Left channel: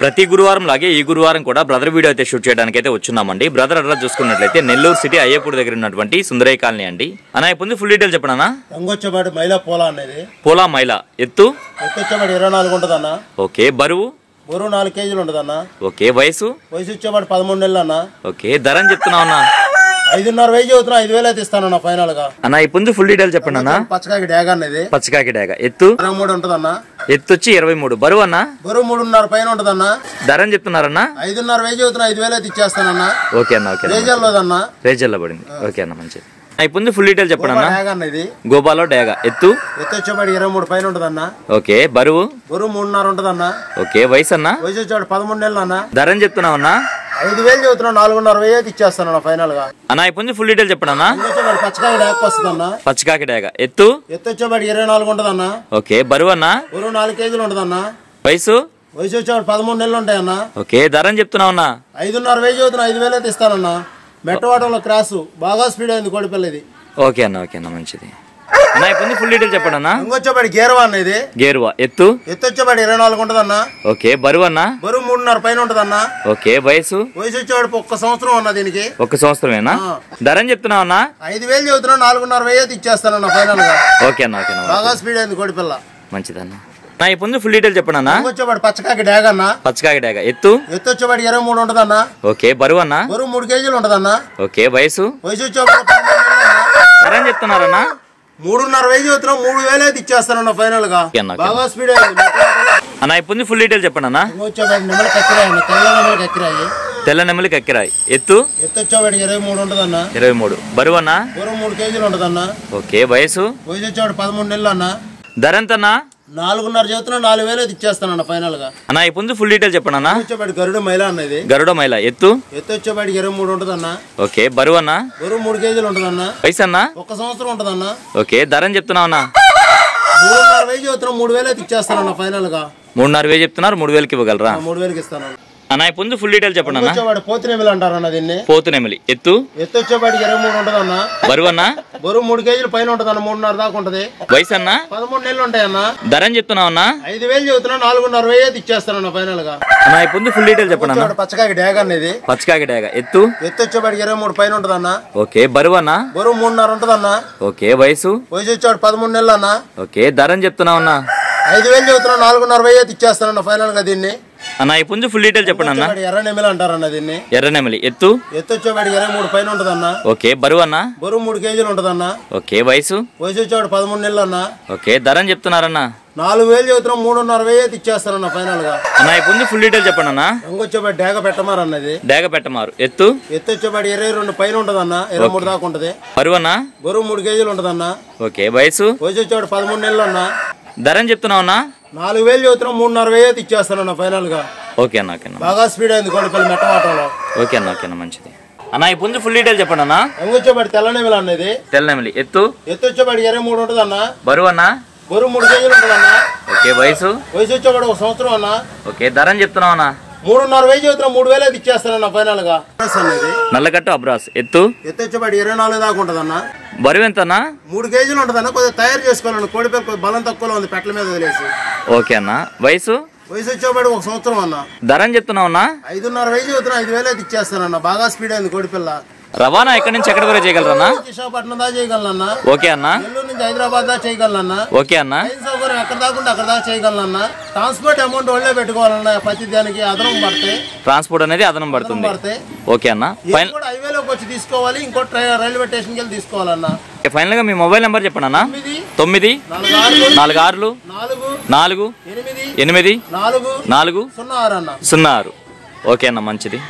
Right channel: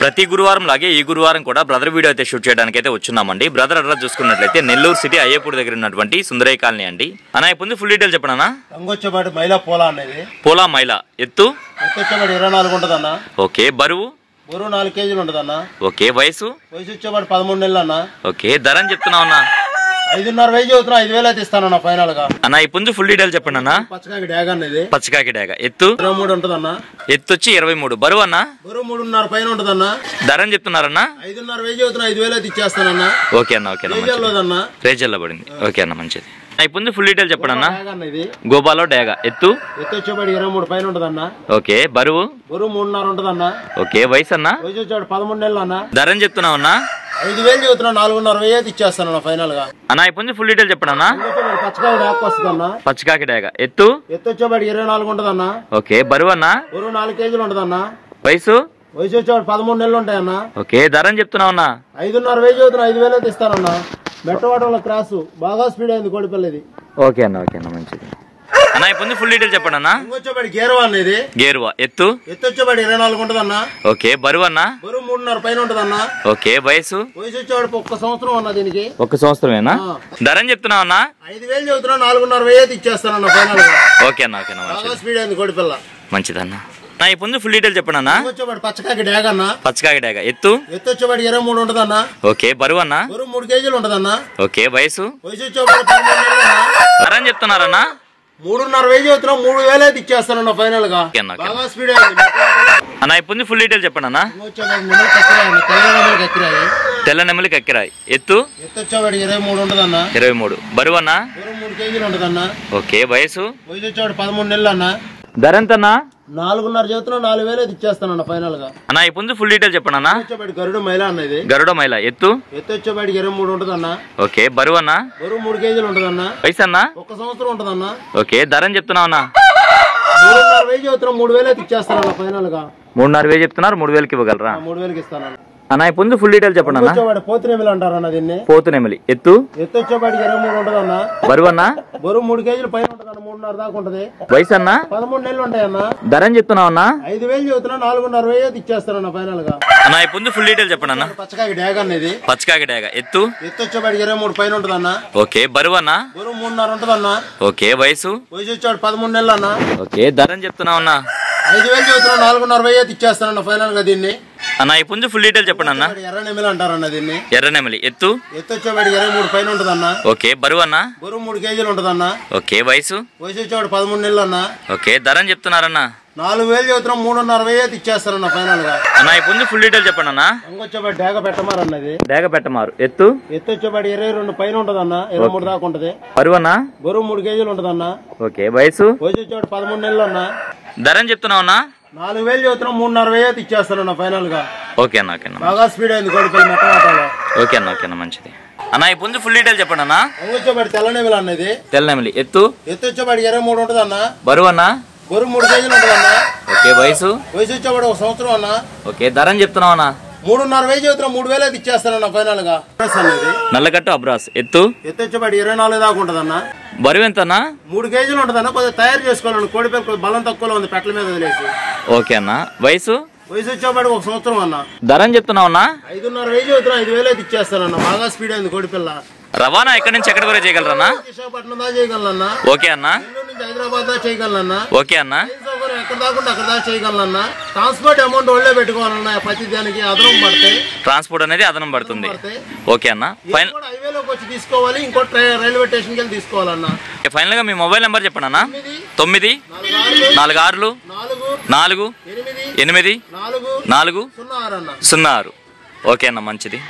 ప్రతి గురువారం లాగే ఈ గురువారం కూడా బ్రదర్ వీడియో అయితే షూట్ చేయడానికి అయితే వచ్చున్నామండి. బ్రదర్ అడ్రస్ చూసుకున్నట్లయితే నెల్లూరు సిటీ అయ్యపూర్ దగ్గర ఉన్నటువంటి సుందరయ్య కాలనీ అండి. అన్న ఇప్పుడు ఫుల్ డీటెయిల్ చెప్పనా? రంగొచ్చబాటి మైలా పోలా అనేది పోలా మైలా ఎత్తు వచ్చేబాటి 24 ఉంటదన్న. ఓకే. బరువు 4 కేజీలు ఉంటదన్న. ఓకే. వయసు వచ్చేబాటి 13 నెలలు అన్న. ఓకే. ధర అని చెప్తున్నావు అన్న? 5.5 వెయ్యి చదువుతున్నా, 5,000 అయితే ఇస్తానన్న ఫైనల్ గా. అన్న ఇప్పుడు ఫుల్ డీటెయిల్ చెప్పండి అన్న. పచ్చకాకి డాగ్ అనేది. పచ్చకాకి డాగ్ ఎత్తు 23 ఉంటదన్న. ఎత్తు వచ్చి 23. బరువు అన్న? బరువు 3.5 పైన ఉంటదన్న. ధర అని చెప్తున్నారన్న? 5.5 వెయ్యి చదువుతున్నా, 5,000 అయితే ఇచ్చేస్తానన్న. ఓకే అన్న. ఓకే. రేజల్లో పడింది. ఓకే అన్న మంచిది. ఇప్పుడు ఫుల్ డీటెయిల్ చెప్పండి అన్న. గోపాలో డాగా ఎత్తు వచ్చేబాటి 23 పైన ఉంటదన్న. ఓకే. బరువు 3.5 ఉంటదన్న. ఓకే. వయసు అన్న? వయసు వచ్చేవాడు 13 నెలలు అన్న. ధర అని చెప్తున్నావు అన్న? 5,000 చదువుతున్నా, 4.5 వెయ్యి అయితే ఇచ్చేస్తానన్న ఫైనల్ గా. అన్న ఇప్పుడు ఫుల్ డీటెయిల్ చెప్పండి అన్న. పచ్చకాకి డాక్ వస్తుందన్న. పచ్చకాకి డాగా ఎత్తు వచ్చేబాటి 24 ఉంటదన్న. ఓకే. బరువు అన్న? బరువు 4 కేజీలు ఉంటదన్న. వయసు? వయసు వచ్చేవాడు 13 నెలలు ఉంటాయన్న. ఓకే. ధర అని చెప్తున్నావు అన్న? 5.5 వెయ్యి చదువుతున్నా, 5,000 అయితే ఇస్తానన్న. మెట్టవాటంలో క్రాస్ బాగా స్పీడ్ అయింది కోడిపిల్లది. ఓకే అన్న. ఓకే అన్న మంచిది. అన్న ఇప్పుడు ఫుల్ డీటెయిల్ చెప్పండి అన్న. ఇంకొచ్చేపాటి గేరువా అనేది. గేరువా ఎత్తు వచ్చేపాటి 24 ఉంటదన్న. ఓకే. బరువు అన్న? బరువు 3.5 పైన ఉంటదన్న. ఓకే. వయసు? వయసు వచ్చేవాడు 1 సంవత్సరం అన్న. దీనికి 1 సంవత్సరమేనా? ధర అని చెప్తున్నావు అన్న? 5,000 చదువుతున్నా, 4.5 వెయ్యి అయితే ఇచ్చేస్తానన్న ఫైనల్ గా. ఓకే అన్న. ఓకే అన్న బాగా స్పీడ్ అయింది కోడిపిల్ల. మంచిదన్న. నా ఇప్పుడు ఫుల్ డీటెయిల్ చెప్పండి అన్న. వచ్చేపాటి పచ్చకాకి డాగ్ అన్న. పచ్చకాకి డాగా ఎత్తు వచ్చేపాటి 23 ఉంటదన్న. ఓకే. బరువు అన్న? బరువు 3 కేజీలు ఉంటదన్న. ఓకే. వయసు? వయసు వచ్చేవాడు 13 నెలలు అన్న. ధర అని చెప్తున్నారన్న? 3.5 వెయ్యి చదువుతున్నా, 3,000 అయితే ఇచ్చేస్తానన్న ఫైనల్ గా. బాగా స్పీడ్ అయింది అన్న. ఇప్పుడు ఫుల్ డీటెయిల్ చెప్పండి అన్న. వచ్చేపాటి నెమలి కక్కిరాయి, తెల్ల నెమలి కక్కిరాయి. తెల్ల నెమలి కక్కిరాయి ఎత్తు వచ్చేవాడు 23 ఉంటదన్న. 23. బరువు అన్న? బరువు 3 కేజీలు ఉంటదన్న. ఓకే. వయసు? వయసు వచ్చేవాడు 13 నెలలు అన్న. ధర ఎంతన్నా? 4.5 చదువుతున్నా, 4,000 అయితే ఇచ్చేస్తానన్న ఫైనల్ గా. అన్న ఇప్పుడు ఫుల్ డీటెయిల్ చెప్పండి అన్న. వచ్చేపాటి గరుడ మైలా అన్నది. గరుడ మైలా ఎత్తు వచ్చేపాటి 23 ఉంటదన్న. ఓకే. బరువు అన్న? బరువు 3 కేజీలు ఉంటదన్న. వయసు అన్న? 1 సంవత్సరం ఉంటదన్న. ఓకే. ధర అని చెప్తున్నావు అన్న? 3.5 వెయ్యి చదువుతున్నా, 3,000 అయితే ఇచ్చేస్తానన్న ఫైనల్ గా. 3.5 వేలు చెప్తున్నారు, 3,000కి ఇవ్వగలరా? 3,000కి ఇస్తానన్న. అన్న ఇప్పుడు ఫుల్ డీటెయిల్ చెప్పండి అన్న. వచ్చేవాడు పోతునేమిలి అంటారన్న దీన్ని. పోతునేమిలి ఎత్తు వచ్చేపాటి 23 ఉంటదన్న. బరువు అన్న? బరువు 3 కేజీలు పైన ఉంటదన్న. 3.5 దాకా ఉంటది. వయసు అన్న? 13 నెలలు ఉంటాయన్న. ధర అని చెప్తున్నావు అన్న? 5,000 చదువుతున్నా, 4.5 వెయ్యి అయితే ఇచ్చేస్తానన్న ఫైనల్ గా. అన్న ఇప్పుడు ఫుల్ డీటెయిల్ చెప్పండి అన్న. పచ్చకాకి డాగ్ అనేది. పచ్చకాకి డాగా ఎత్తు వచ్చేపాటి 23 పైన ఉంటదన్న. ఓకే. బరువు అన్న? బరువు 3.5 ఉంటదన్న. ఓకే. వయసు? వయసు వచ్చేవాడు 13 నెలలు అన్న. ఓకే. ధర అని చెప్తున్నావు అన్న? 5,000 చదువుతున్నా, 4.5 వెయ్యి అయితే ఇచ్చేస్తానన్న ఫైనల్ గా దీన్ని. అన్న ఇప్పుడు ఫుల్ డీటెయిల్ చెప్పండి అన్న. ఎర్ర నెమిలి అంటారన్న దీన్ని. ఎర్ర నెమిలి ఎత్తు వచ్చేవాడు 23 పైన ఉంటదన్న. ఓకే. బరువు అన్న? బరువు 3 కేజీలు ఉంటదన్న. ఓకే. వయసు? వయసు వచ్చేవాడు 13 నెలలు అన్న. ఓకే. ధర అని చెప్తున్నారన్న? 4,000 చదువుతున్నా, 3.5 వెయ్యి అయితే ఇచ్చేస్తానన్న ఫైనల్ గా. అన్న ఇప్పుడు ఫుల్ డీటెయిల్ చెప్పండి అన్న. ఇంకొచ్చేవాడు డాగ పెట్టమారు అన్నది. డాగ పెట్టమారు ఎత్తు వచ్చేవాడు 22 పైన ఉంటదన్న. 23 దాకా ఉంటది. బరువు అన్న? బరువు 3 కేజీలు ఉంటదన్న. ఓకే. వయసు? వయసు వచ్చేవాడు 13 నెలలు అన్న. ధర అని చెప్తున్నావు అన్న? 4,000 చదువుతున్నా, 3.5 వెయ్యి అయితే ఇచ్చేస్తానన్న ఫైనల్ గా. ఓకే అన్న. ఓకే అన్న. బాగా స్పీడ్ అయింది కోడిపల్లి మెట్టవాటంలో. ఓకే అన్న. ఓకే అన్న మంచిది. అన్న ఇప్పుడు ఫుల్ డీటెయిల్ చెప్పండి అన్న. ఇంకొచ్చేవాడు తెల్ల నెమిలి అన్నది. తెల్ల నెమిలి ఎత్తు వచ్చేవాడు 23 ఉంటదన్న. బరువు అన్న? బరువు 3 కేజీలు ఉంటదన్న. ఓకే. వయసు? వయసు వచ్చేవాడు 1 సంవత్సరం అన్న. ఓకే. ధర అని చెప్తున్నావు అన్న? 3.5 వెయ్యి చదువుతున్నా, 3,000 అయితే ఇచ్చేస్తానన్న ఫైనల్ గా. అనేది నల్లకట్టు అబ్రాస్ ఎత్తు వచ్చేవాడు 24 దాకా ఉంటదన్న. బరువు ఎంత అన్న? 3 కేజీలు ఉంటదన్న. కొద్దిగా తయారు చేసుకోవాలన్న కోడిపల్లి, కొద్దిగా బలం తక్కువలో ఉంది పెట్టల మీద వదిలేసి. ఓకే అన్న. వయసు? వయసు వచ్చేవాడు 1 సంవత్సరం అన్న. ధర అని చెప్తున్నావు అన్న? 5.5 వెయ్యి చదువుతున్నా, 5,000 అయితే ఇచ్చేస్తానన్న. బాగా స్పీడ్ అయింది కోడిపిల్ల. రవాణా ఎక్కడి నుంచి ఎక్కడి వరకు చేయగలరన్నా? విశాఖపట్నం దాకా చేయగలనన్నా. ఓకే అన్న. నెల్లూరు నుంచి హైదరాబాద్ దాకా చేయగలనన్నా. ఓకే అన్న. సౌకర్యం ఎక్కడ దాకా అక్కడ దాకా చేయగలనన్నా. ట్రాన్స్పోర్ట్ అమౌంట్ వాళ్ళే పెట్టుకోవాలన్నా. ప్రతి దానికి అదనం పడితే ట్రాన్స్పోర్ట్ అనేది అదనం పడుతుంది. ఓకే అన్న. హైవేలోకి వచ్చి తీసుకోవాలి. ఇంకోటి రైల్వే స్టేషన్కి వెళ్ళి తీసుకోవాలన్నా. ఫైనల్ గా మీ మొబైల్ నెంబర్ చెప్పండి అన్న. 946 4 8 4 4 06 అన్న. ఓకే అన్న మంచిది.